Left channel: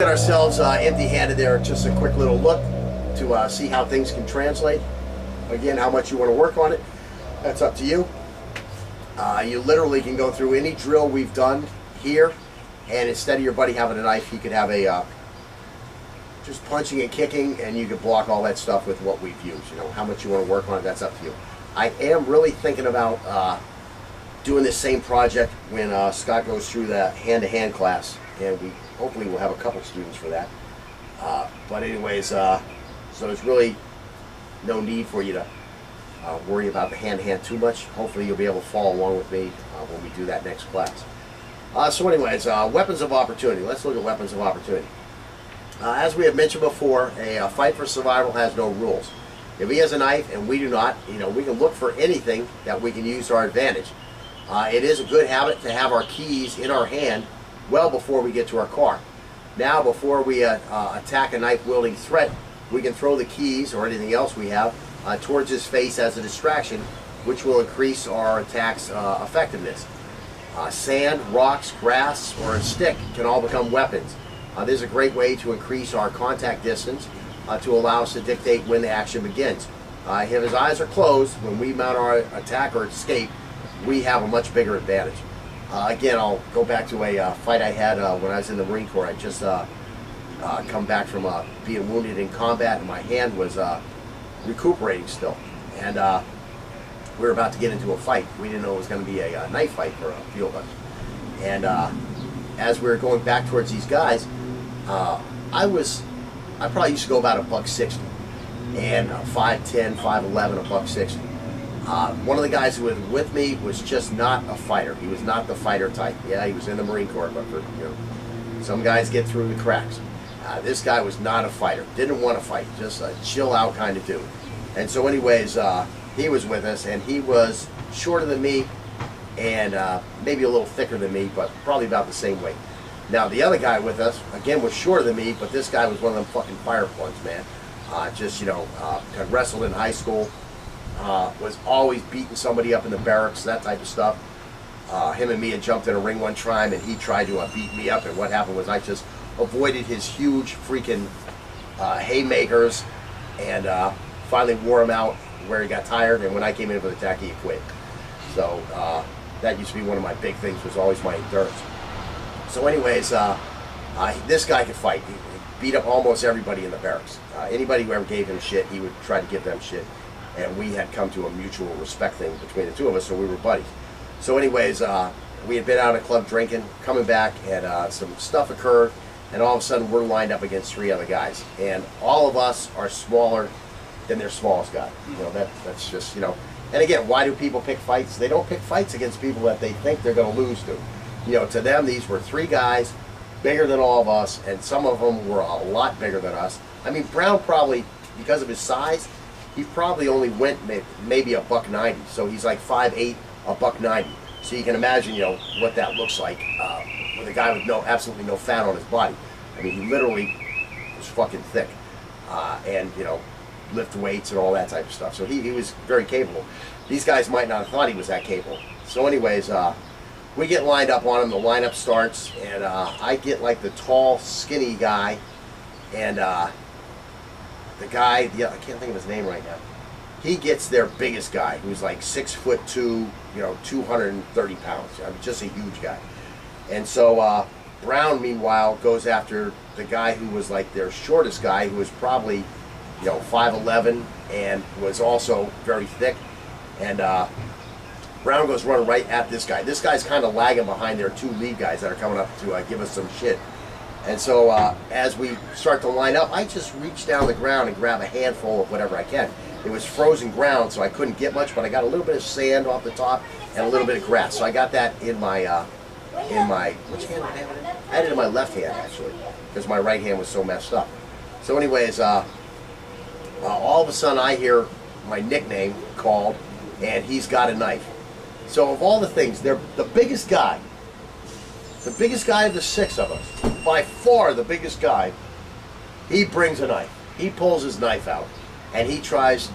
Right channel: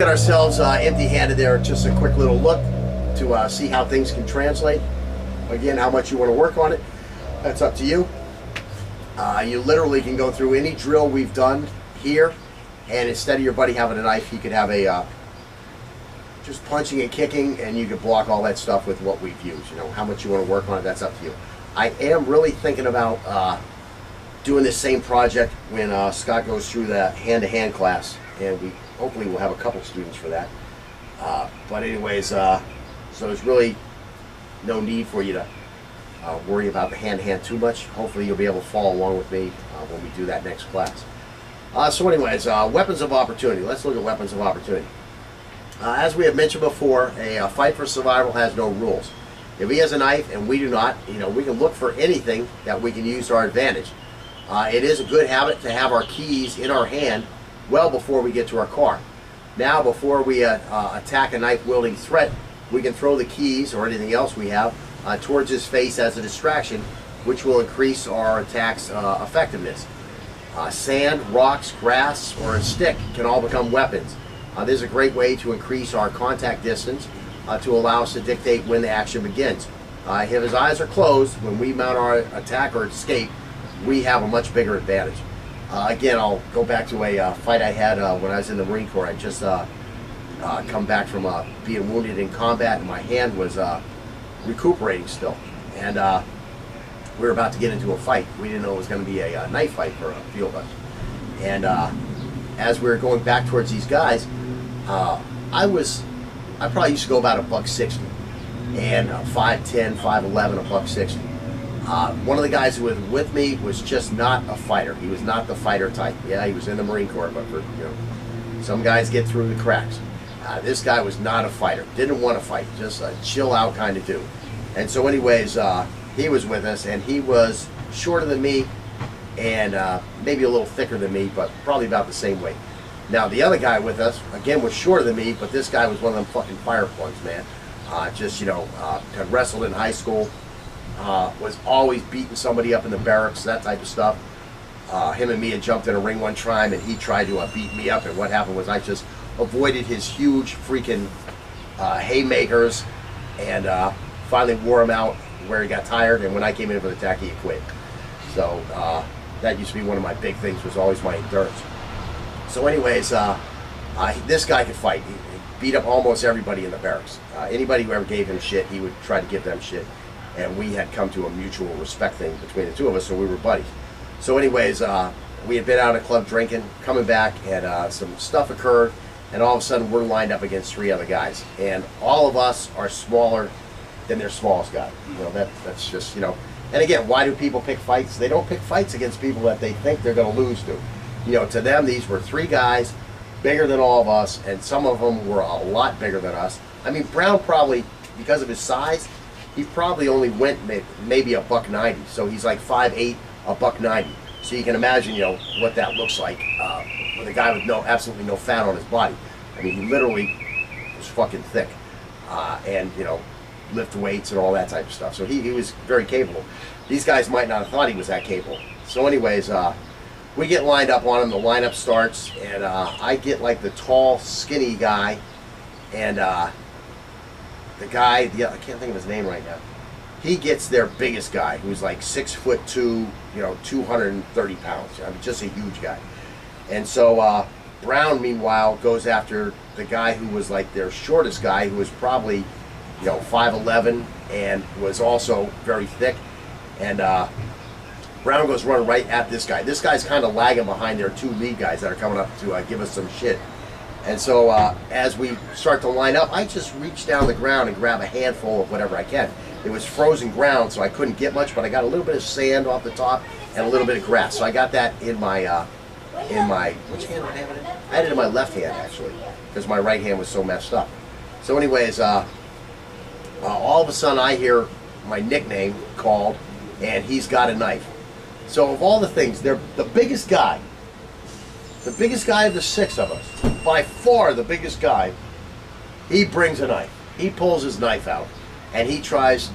Get ourselves empty-handed there. Just a quick little look to see how things can translate. Again, how much you want to work on it, that's up to you. You literally can go through any drill we've done here, and instead of your buddy having a knife, he could have a just punching and kicking, and you could block all that stuff with what we've used. You know, how much you want to work on it, that's up to you. I am really thinking about doing this same project when Scott goes through the hand-to-hand class, and we hopefully we'll have a couple students for that. But anyways, so there's really no need for you to worry about the hand-to-hand too much. Hopefully you'll be able to follow along with me when we do that next class. So anyways, weapons of opportunity. Let's look at weapons of opportunity. As we have mentioned before, a fight for survival has no rules. If he has a knife and we do not, you know, we can look for anything that we can use to our advantage. It is a good habit to have our keys in our hand well before we get to our car. Now, before we attack a knife-wielding threat, we can throw the keys or anything else we have towards his face as a distraction, which will increase our attack's effectiveness. Sand, rocks, grass, or a stick can all become weapons. This is a great way to increase our contact distance to allow us to dictate when the action begins. If his eyes are closed, when we mount our attack or escape, we have a much bigger advantage. Again, I'll go back to a fight I had when I was in the Marine Corps. I just come back from being wounded in combat, and my hand was recuperating still. And we were about to get into a fight. We didn't know it was going to be a knife fight for a few of us. And as we were going back towards these guys, I probably used to go about $160, and 5'10", 5'11", $160. One of the guys who was with me was just not a fighter. He was not the fighter type. Yeah, he was in the Marine Corps, but for, you know, some guys get through the cracks. This guy was not a fighter. Didn't want to fight. Just a chill out kind of dude. And so anyways, he was with us, and he was shorter than me and maybe a little thicker than me, but probably about the same weight. Now, the other guy with us, again, was shorter than me, but this guy was one of them fucking fire plugs, man. Just, you know, had wrestled in high school. Was always beating somebody up in the barracks, that type of stuff. Him and me had jumped in a ring one time, and he tried to beat me up, and what happened was I just avoided his huge freaking haymakers, and finally wore him out where he got tired, and when I came in for the attack, he quit. So that used to be one of my big things, was always my endurance. So anyways, this guy could fight. He beat up almost everybody in the barracks. Anybody who ever gave him shit, he would try to give them shit. And we had come to a mutual respect thing between the two of us, so we were buddies. So anyways, we had been out at a club drinking, coming back, and some stuff occurred, and all of a sudden we're lined up against 3 other guys. And all of us are smaller than their smallest guy. You know, that's just, you know. And again, why do people pick fights? They don't pick fights against people that they think they're going to lose to. You know, to them, these were 3 guys, bigger than all of us, and some of them were a lot bigger than us. I mean, Brown probably, because of his size, he probably only went maybe $190, so he's like 5'8", $190. So you can imagine, you know, what that looks like with a guy with absolutely no fat on his body. I mean, he literally was fucking thick, and you know, lift weights and all that type of stuff. So he was very capable. These guys might not have thought he was that capable. So anyways, we get lined up on him. The lineup starts, and I get like the tall, skinny guy, and the guy, I can't think of his name right now. He gets their biggest guy, who's like 6'2", you know, 230 pounds. I mean, just a huge guy. And so Brown, meanwhile, goes after the guy who was like their shortest guy, who was probably, you know, 5'11", and was also very thick. And Brown goes running right at this guy. This guy's kind of lagging behind their 2 lead guys that are coming up to give us some shit. And so as we start to line up, I just reach down the ground and grab a handful of whatever I can. It was frozen ground, so I couldn't get much, but I got a little bit of sand off the top and a little bit of grass. So I got that in my, which hand did I have it in? I had it in my left hand, actually, because my right hand was so messed up. So anyways, all of a sudden I hear my nickname called, and he's got a knife. So of all the things, they're the biggest guy. The biggest guy of the 6 of us, by far the biggest guy, he brings a knife. He pulls his knife out, and he tries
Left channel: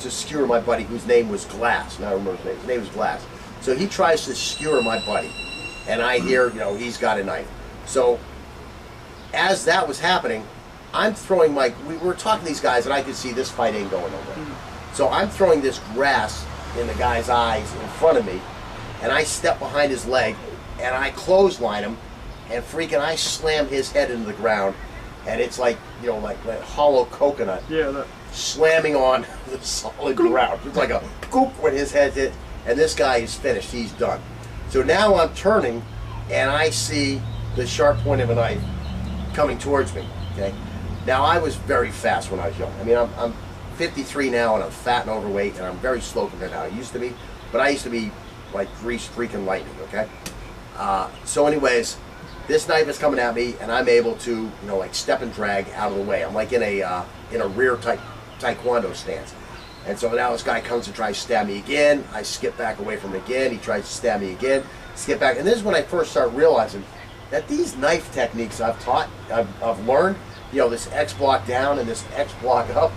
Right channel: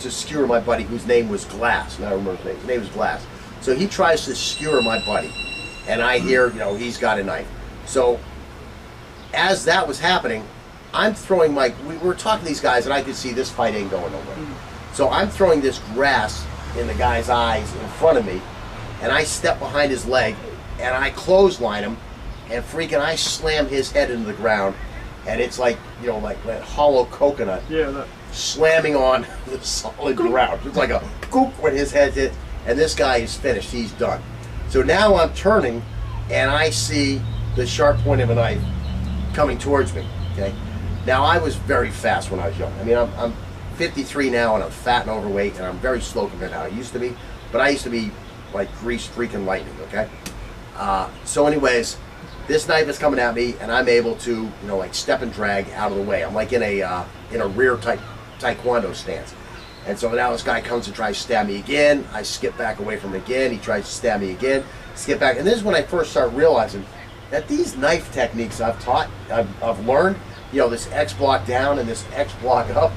to skewer my buddy, whose name was Glass. Now I remember his name. His name was Glass. So he tries to skewer my buddy, and I hear, you know, he's got a knife. So as that was happening, I'm throwing we were talking to these guys, and I could see this fight ain't going nowhere. So I'm throwing this grass in the guy's eyes in front of me, and I step behind his leg, and I clothesline him, and freaking I slam his head into the ground, and it's like, you know, like that hollow coconut. Yeah, that. Slamming on the solid ground. It's like a goop when his head hit, and this guy is finished. He's done. So now I'm turning, and I see the sharp point of a knife coming towards me. Okay. Now I was very fast when I was young. I mean, I'm 53 now, and I'm fat and overweight, and I'm very slow compared to how I used to be. But I used to be like greased freaking lightning. Okay. So anyways, this knife is coming at me, and I'm able to, you know, like step and drag out of the way. I'm like in a rear type taekwondo stance. And so now this guy comes and tries to stab me again. I skip back away from him again. He tries to stab me again. Skip back. And this is when I first start realizing that these knife techniques I've learned, you know, this X block down and this X block up,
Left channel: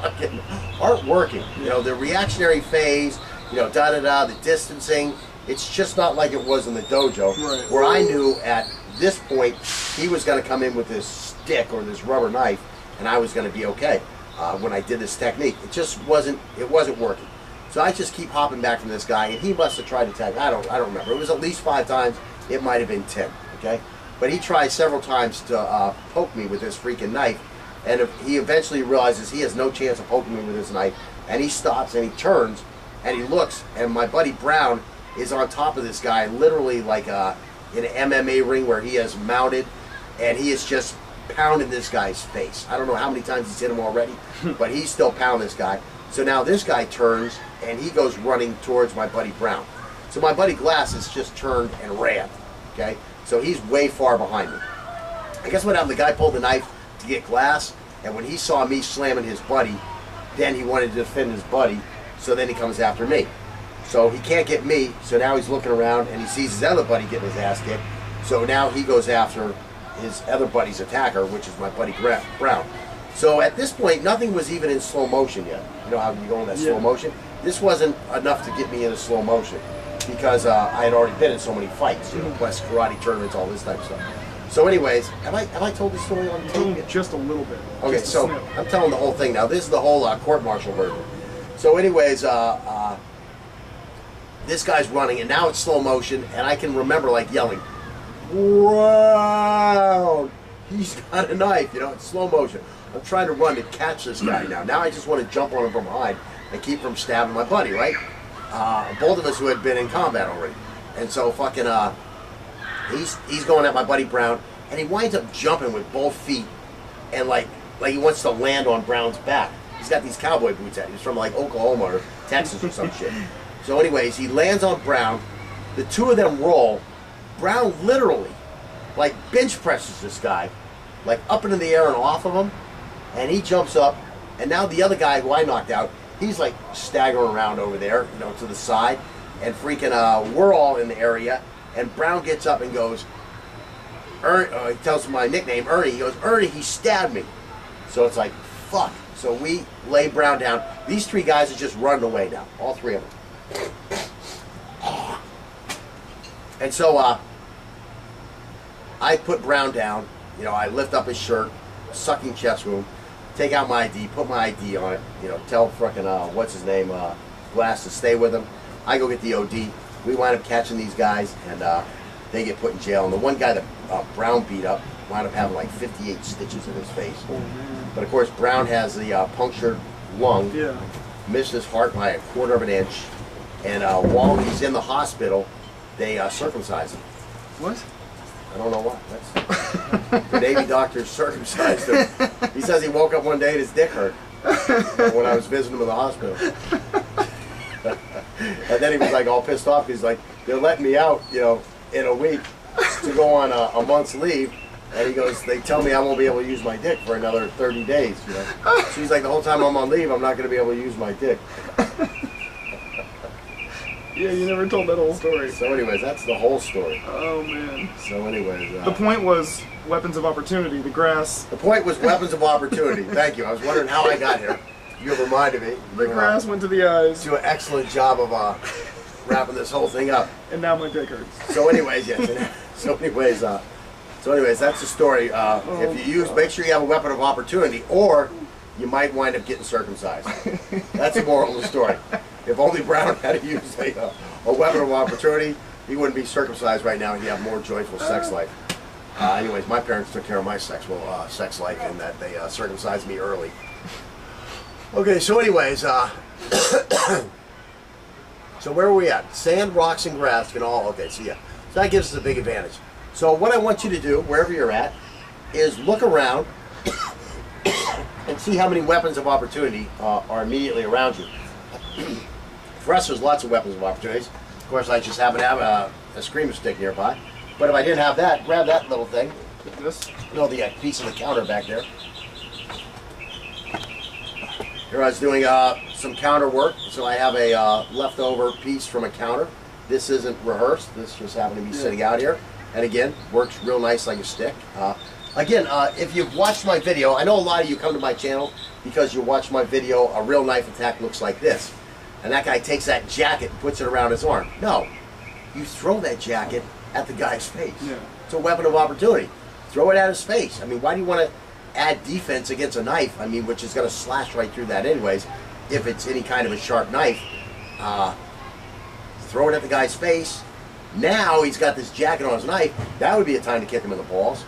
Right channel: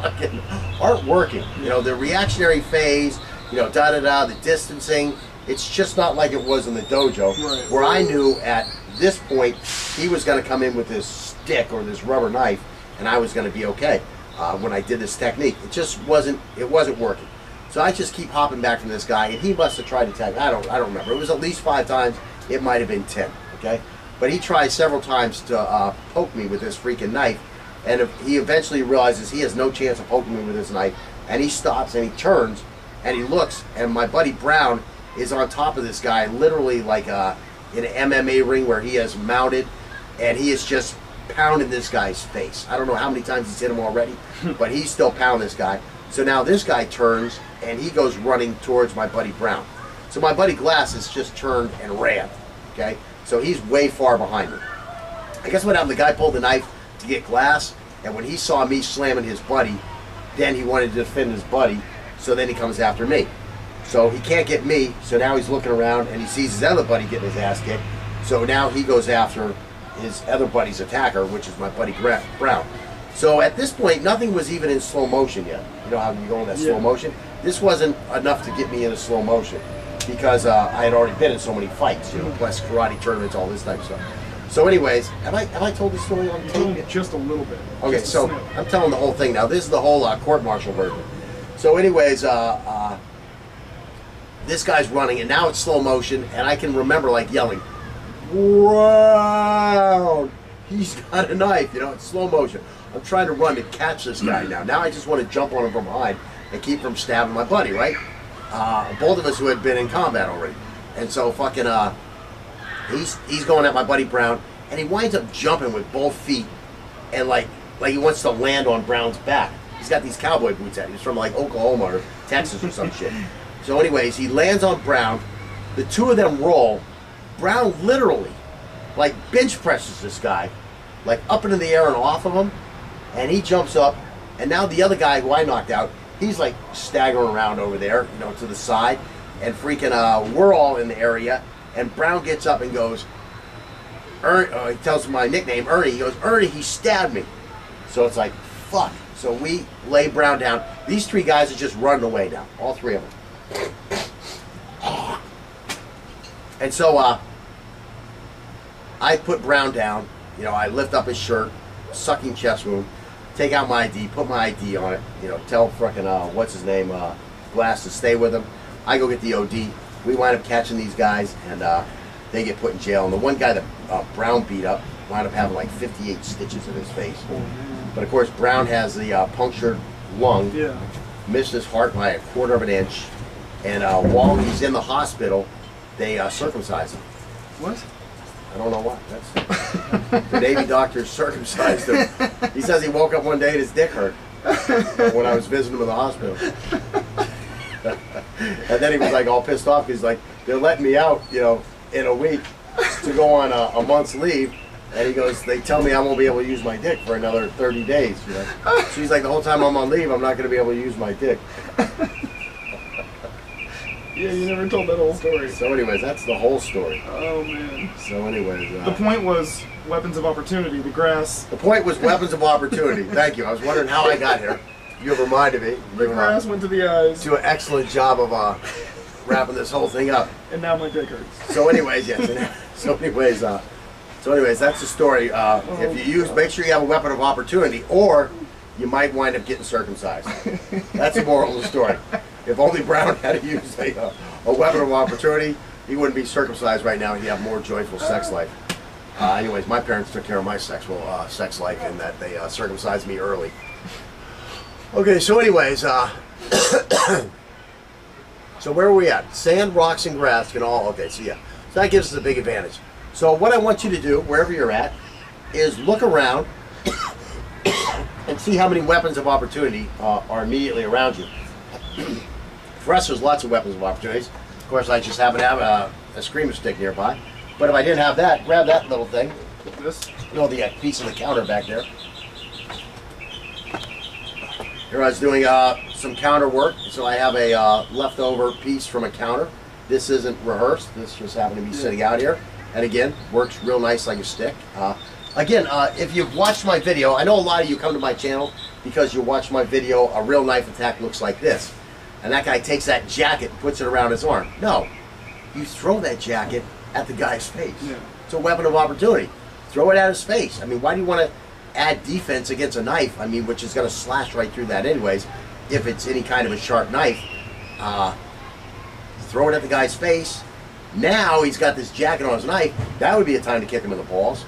fucking aren't working. You know, the reactionary phase, you know, the distancing, it's just not like it was in the dojo, right, where I knew at this point he was going to come in with this stick or this rubber knife, and I was going to be okay. When I did this technique, it wasn't working. So I just keep hopping back from this guy, and he must have tried to tag. I don't remember. It was at least 5 times. It might have been 10. Okay, but he tried several times to poke me with this freaking knife, and he eventually realizes he has no chance of poking me with this knife, and he stops and he turns and he looks, and my buddy Brown is on top of this guy, literally like in an MMA ring where he has mounted, and he is just pounding this guy's face. I don't know how many times he's hit him already, but he's still pounding this guy. So now this guy turns and he goes running towards my buddy Brown. So my buddy Glass has just turned and ran. Okay, so he's way far behind me. I guess what happened? The guy pulled the knife to get Glass, and when he saw me slamming his buddy, then he wanted to defend his buddy. So then he comes after me. So he can't get me. So now he's looking around and he sees his other buddy getting his ass kicked. So now he goes after his other buddy's attacker, which is my buddy Brown. So at this point, nothing was even in slow motion yet. You know how you go in that slow motion? This wasn't enough to get me into slow motion because I had already been in so many fights, you know, plus karate tournaments, all this type of stuff. So anyways, have I told this story on tape? Just a little bit. Okay, so I'm telling the whole thing now. This is the whole court-martial version. So anyways, this guy's running, and now it's slow motion, and I can remember like yelling, "Wow! He's got a knife!" You know, it's slow motion. I'm trying to run to catch this guy now. Now I just want to jump on him from behind and keep from stabbing my buddy, right? Both of us who had been in combat already. And so fucking, he's going at my buddy Brown, and he winds up jumping with both feet, and like he wants to land on Brown's back. He's got these cowboy boots at. He's from like Oklahoma or Texas or some shit. So anyways, he lands on Brown. The two of them roll. Brown literally, like, bench presses this guy, like up into the air and off of him, and he jumps up, and now the other guy who I knocked out, he's like staggering around over there, you know, to the side, and freaking, we're all in the area, and Brown gets up and goes, he tells him my nickname, Ernie. He goes, "Ernie, he stabbed me." So it's like, fuck. So we lay Brown down. These 3 guys are just running away now, all 3 of them. And so I put Brown down. You know, I lift up his shirt, sucking chest wound, take out my ID, put my ID on it, you know, tell frickin' what's his name, Glass to stay with him. I go get the OD. We wind up catching these guys, and they get put in jail. And the one guy that Brown beat up wound up having like 58 stitches in his face. But of course, Brown has the punctured lung, missed his heart by 1/4 of an inch, and while he's in the hospital, they circumcise him. What? I don't know why. That's the Navy doctor circumcised him. He says he woke up one day and his dick hurt when I was visiting him in the hospital. And then he was like all pissed off. He's like, "They're letting me out, you know, in a week to go on a month's leave." And he goes, "They tell me I won't be able to use my dick for another 30 days. You know?" So he's like, "The whole time I'm on leave, I'm not going to be able to use my dick." Yeah, you never told that whole story. So anyways, that's the whole story. Oh, man. So anyways... the point was weapons of opportunity, the grass. The point was weapons of opportunity. Thank you. I was wondering how I got here. You reminded me. The grass went to the eyes. Do an excellent job of wrapping this whole thing up. And now my dick hurts. So anyways, yes. So anyways, So anyways, that's the story. If you use, make sure you have a weapon of opportunity, or you might wind up getting circumcised. That's the moral of the story. If only Brown had to use a weapon of opportunity, he wouldn't be circumcised right now, and he'd have more joyful sex life. Anyways, my parents took care of my sex life in that they circumcised me early. Okay, so anyways, so where are we at? Sand, rocks, and grass can all, okay, so yeah. So that gives us a big advantage. So what I want you to do, wherever you're at, is look around and see how many weapons of opportunity are immediately around you. For us, there's lots of weapons of opportunities. Of course, I just happen to have a screamer stick nearby. But if I didn't have that, grab that little thing. This? No, the piece of the counter back there. Here I was doing some counter work, so I have a leftover piece from a counter. This isn't rehearsed. This just happened to be sitting out here. And again, works real nice like a stick. Again, if you've watched my video, I know a lot of you come to my channel because you watch my video, a real knife attack looks like this. And that guy takes that jacket and puts it around his arm. No, you throw that jacket at the guy's face. Yeah. It's a weapon of opportunity. Throw it at his face. I mean, why do you want to add defense against a knife? I mean, which is going to slash right through that anyways, if it's any kind of a sharp knife. Throw it at the guy's face. Now he's got this jacket on his knife. That would be a time to kick him in the balls.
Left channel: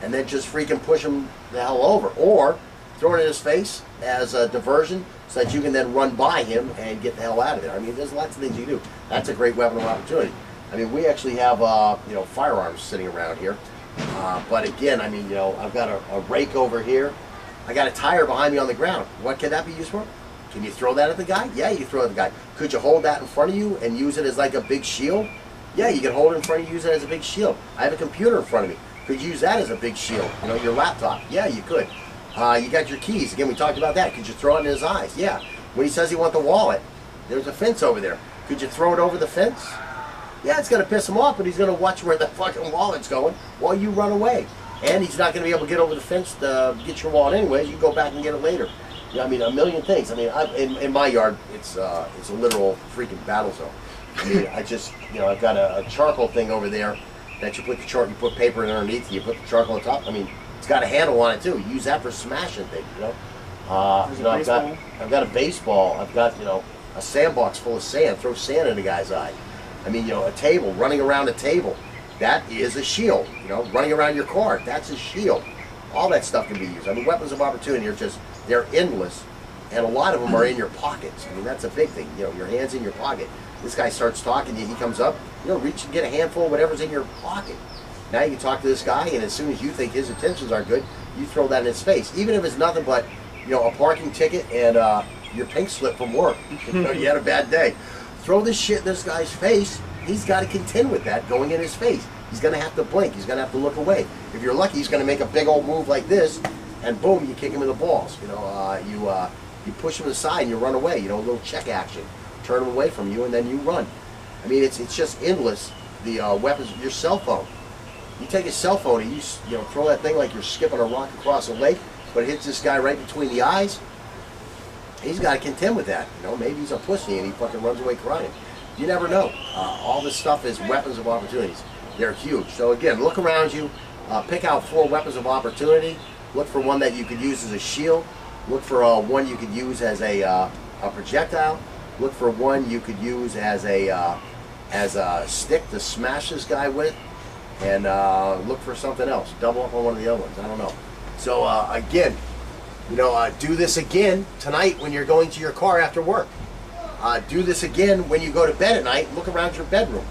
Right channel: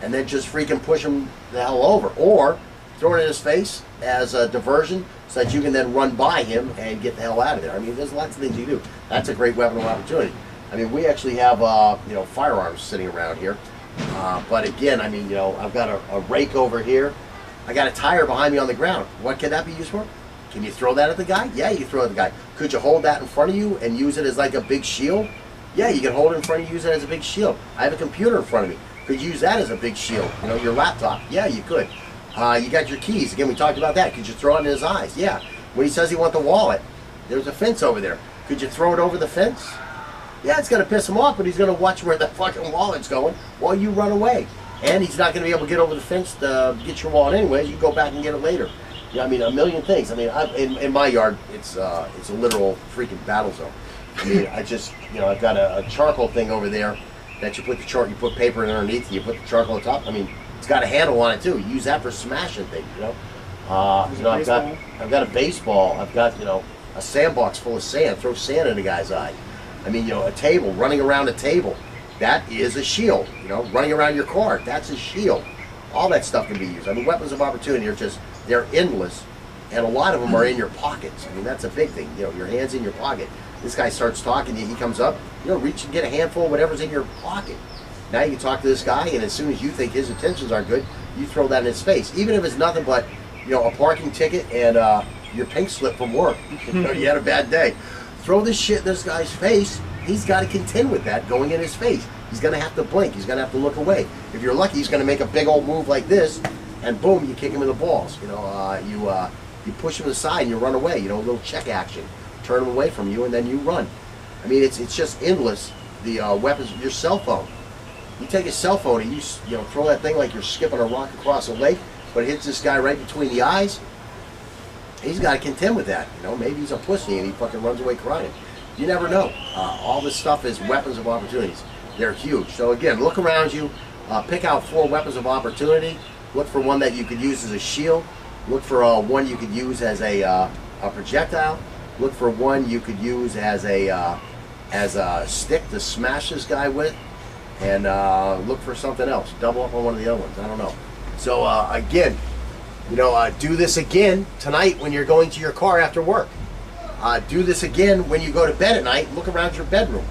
And then just freaking push him the hell over. Or throw it in his face as a diversion so that you can then run by him and get the hell out of there. I mean, there's lots of things you do. That's a great weapon of opportunity. I mean, we actually have, you know, firearms sitting around here. But again, I mean, you know, I've got a rake over here. I got a tire behind me on the ground. What can that be used for? Can you throw that at the guy? Yeah, you can throw it at the guy. Could you hold that in front of you and use it as like a big shield? Yeah, you can hold it in front of you, use it as a big shield. I have a computer in front of me. Could you use that as a big shield? You know, your laptop. Yeah, you could. You got your keys. Again, we talked about that. Could you throw it in his eyes? Yeah. When he says he wants the wallet, there's a fence over there. Could you throw it over the fence? Yeah, it's going to piss him off, but he's going to watch where the fucking wallet's going while you run away. And he's not going to be able to get over the fence to get your wallet anyways. You go back and get it later. Yeah, I mean, a million things. I mean, in my yard, it's a literal freaking battle zone. I mean, I just, you know, I've got a charcoal thing over there that you put the you put paper in underneath, and you put the charcoal on top. I mean, it's got a handle on it too. You use that for smashing things, you know. You know, I've got a baseball. I've got, you know, a sandbox full of sand. Throw sand in a guy's eye. I mean, you know, a table, running around a table. That is a shield. You know, running around your car. That's a shield. All that stuff can be used. I mean, weapons of opportunity are just, they're endless. And a lot of them are in your pockets. I mean, that's a big thing. You know, your hand's in your pocket. This guy starts talking to you, he comes up, you know, reach and get a handful of whatever's in your pocket. Now you can talk to this guy, and as soon as you think his intentions are good, you throw that in his face. Even if it's nothing but, you know, a parking ticket and your pink slip from work. You know, you had a bad day. Throw this shit in this guy's face. He's got to contend with that going in his face. He's going to have to blink. He's going to have to look away. If you're lucky, he's going to make a big old move like this, and boom, you kick him in the balls. You know, you push him aside and you run away. You know, a little check action. Turn him away from you, and then you run. I mean, it's just endless. The weapons, your cell phone. You take a cell phone and you know, throw that thing like you're skipping a rock across a lake, but it hits this guy right between the eyes. He's got to contend with that. You know, maybe he's a pussy and he fucking runs away crying. You never know. All this stuff is weapons of opportunities. They're huge. So again, look around you. Pick out 4 weapons of opportunity. Look for one that you could use as a shield. Look for one you could use as a projectile. Look for one you could use as a stick to smash this guy with, and look for something else. Double up on one of the other ones. I don't know. So again, you know, do this again tonight when you're going to your car after work. Do this again when you go to bed at night. Look around your bedroom.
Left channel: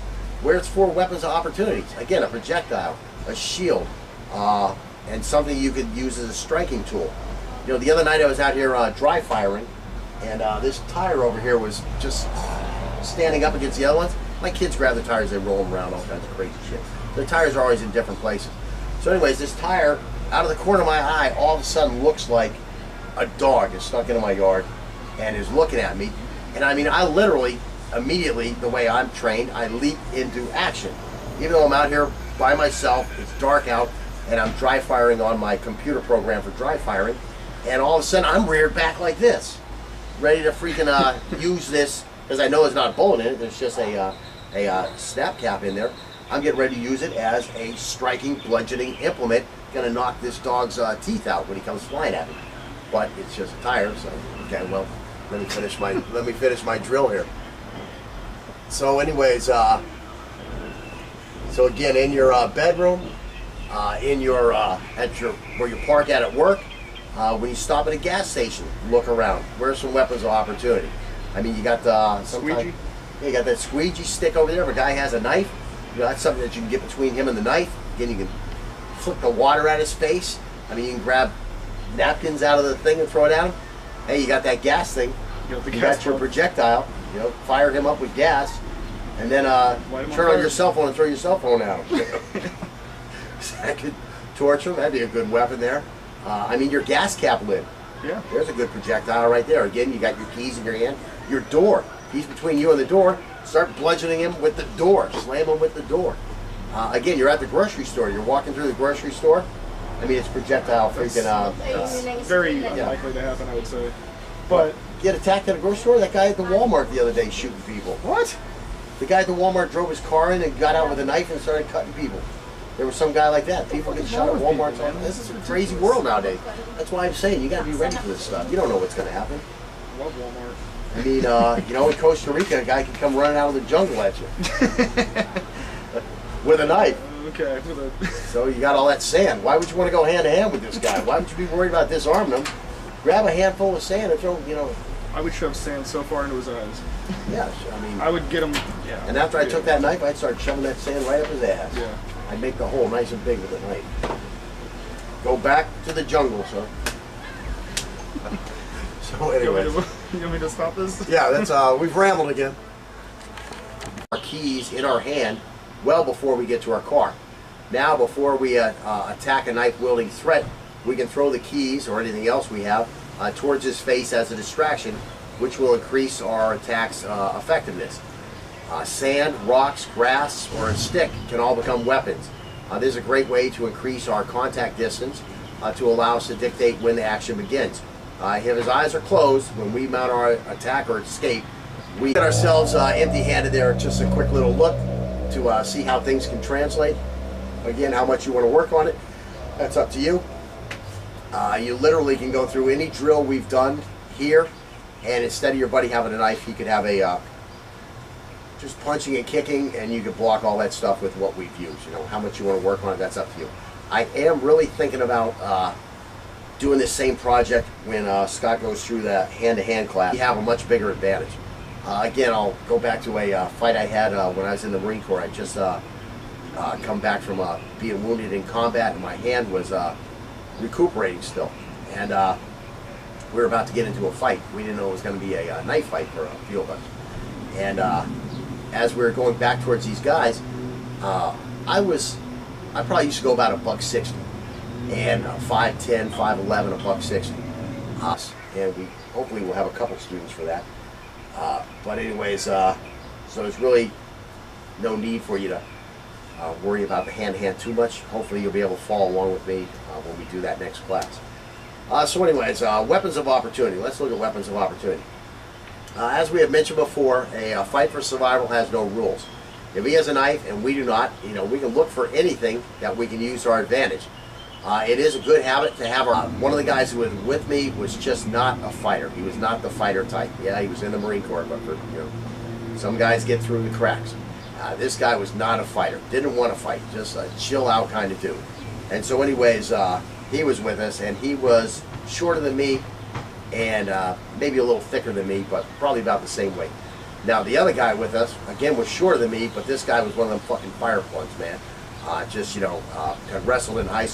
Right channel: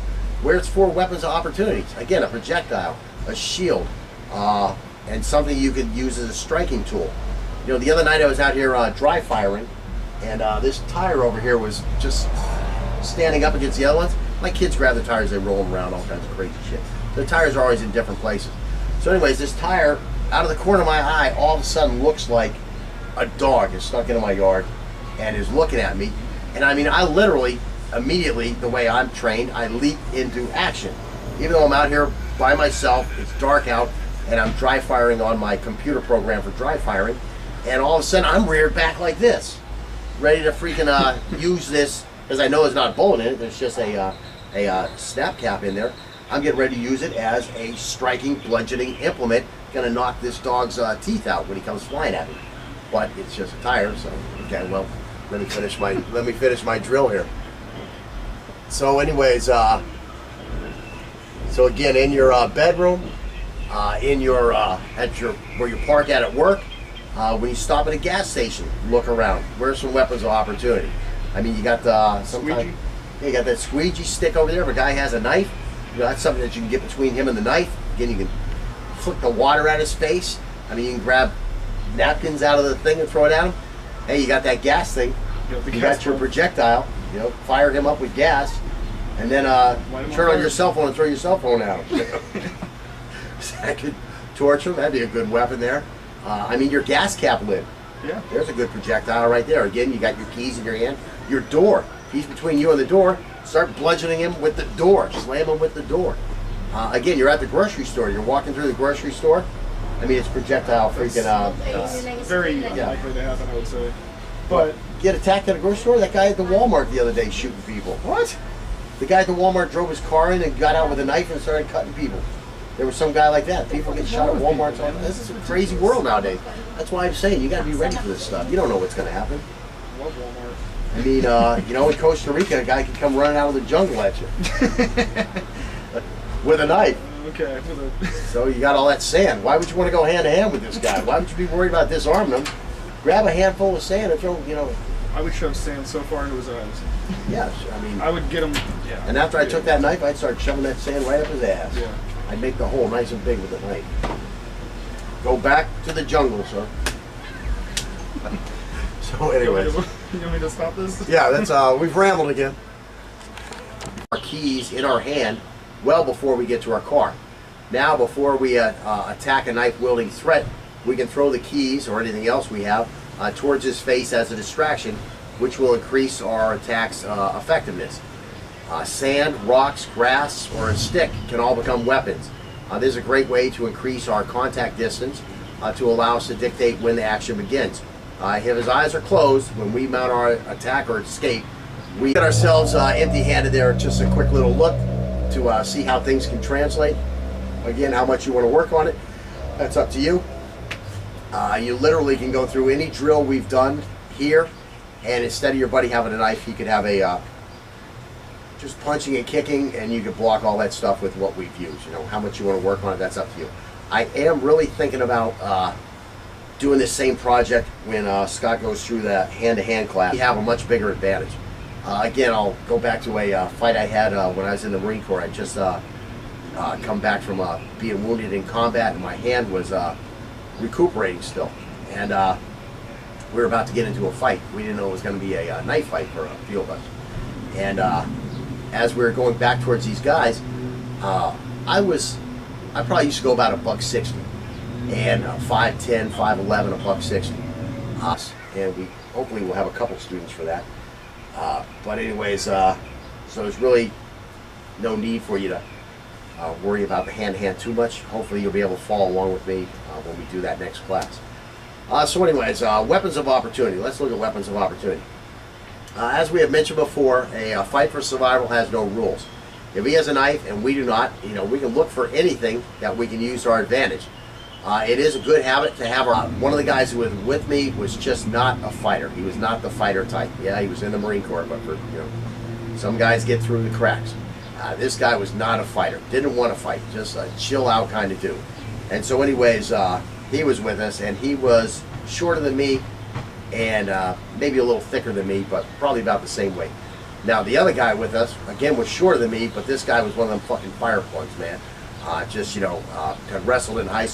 Where's 4 weapons of opportunities? Again, a projectile, a shield, and something you could use as a striking tool. You know, the other night I was out here dry firing, and this tire over here was just standing up against the other ones. My kids grab the tires, they roll them around, all kinds of crazy shit. The tires are always in different places. So anyways, this tire, out of the corner of my eye, all of a sudden looks like a dog is stuck into my yard and is looking at me. And I mean, I literally, immediately, the way I'm trained, I leap into action. Even though I'm out here by myself, it's dark out, and I'm dry firing on my computer program for dry firing, and all of a sudden I'm reared back like this, ready to freaking use this, because I know there's not a bullet in it, there's just a snap cap in there. I'm getting ready to use it as a striking, bludgeoning implement. Gonna knock this dog's teeth out when he comes flying at me. But it's just a tire, so okay. Well, let me finish my drill here. So, anyways, so again, in your bedroom, in your where you park at work, when you stop at a gas station, look around. Where's some weapons of opportunity? I mean, you got the Squeegee. Yeah, you got that squeegee stick over there. If a guy has a knife, you know, that's something that you can get between him and the knife. Again, you can flick the water at his face. I mean, you can grab napkins out of the thing and throw it at him. Hey, you got that gas thing. You got your projectile. You know, fire him up with gas, and then turn on your cell phone and throw your cell phone at him. That could torch him. That'd be a good weapon there. I mean, your gas cap lid. Yeah. There's a good projectile right there. Again, you got your keys in your hand. Your door. He's between you and the door. Start bludgeoning him with the door. Slam him with the door. Again, you're at the grocery store. You're walking through the grocery store. I mean, it's projectile freaking. Very unlikely to happen, I would say. But get attacked at a grocery store. That guy at the Walmart the other day shooting people. what? The guy at the Walmart drove his car in and got out with a knife and started cutting people. There was some guy like that. People get shot at Walmart. This is a crazy world nowadays. That's why I'm saying you got to be ready for this stuff. You don't know what's going to happen. Love Walmart. I mean, you know, in Costa Rica, a guy could come running out of the jungle at you with a knife. Okay. So you got all that sand. Why would you want to go hand to hand with this guy? Why would you be worried about disarming him? Grab a handful of sand and throw, you know. I would shove sand so far into his eyes. Yeah, I mean. I would get him. Yeah. And after I took that knife, I'd start shoving that sand right up his ass. Yeah. I'd make the hole nice and big with the knife. Go back to the jungle, sir. So, anyways. You want me to stop this? Yeah, that's we've rambled again. Our keys in our hand well before we get to our car. Now, before we attack a knife-wielding threat, we can throw the keys or anything else we have towards his face as a distraction, which will increase our attack's effectiveness. Sand, rocks, grass, or a stick can all become weapons. This is a great way to increase our contact distance to allow us to dictate when the action begins. If his eyes are closed, when we mount our attack or escape, we get ourselves empty-handed there. Just a quick little look to see how things can translate. Again, how much you want to work on it, that's up to you. You literally can go through any drill we've done here, and instead of your buddy having a knife, he could have a just punching and kicking, and you could block all that stuff with what we've used. You know, how much you want to work on it, that's up to you. I am really thinking about doing this same project when Scott goes through the hand-to-hand class. We have a much bigger advantage. Again, I'll go back to a fight I had when I was in the Marine Corps. I just come back from being wounded in combat, and my hand was recuperating still. And we were about to get into a fight. We didn't know it was going to be a knife fight for a few of us. And as we were going back towards these guys, I probably used to go about $160, and 5'10", 5'11", $160. And we hopefully will have a couple students for that. But anyways, so there's really no need for you to worry about the hand-to-hand too much. Hopefully you'll be able to follow along with me when we do that next class. So anyways, weapons of opportunity. Let's look at weapons of opportunity. As we have mentioned before, a fight for survival has no rules. If he has a knife and we do not, you know, we can look for anything that we can use to our advantage. It is a good habit to have one of the guys who was with me was just not a fighter. He was not the fighter type. Yeah, he was in the Marine Corps, but for, you know, some guys get through the cracks. This guy was not a fighter. Didn't want to fight. Just a chill out kind of dude. And so anyways, he was with us, and he was shorter than me and maybe a little thicker than me, but probably about the same weight. Now the other guy with us, again, was shorter than me, but this guy was one of them fucking fire plugs, man. Just, you know, had wrestled in high school.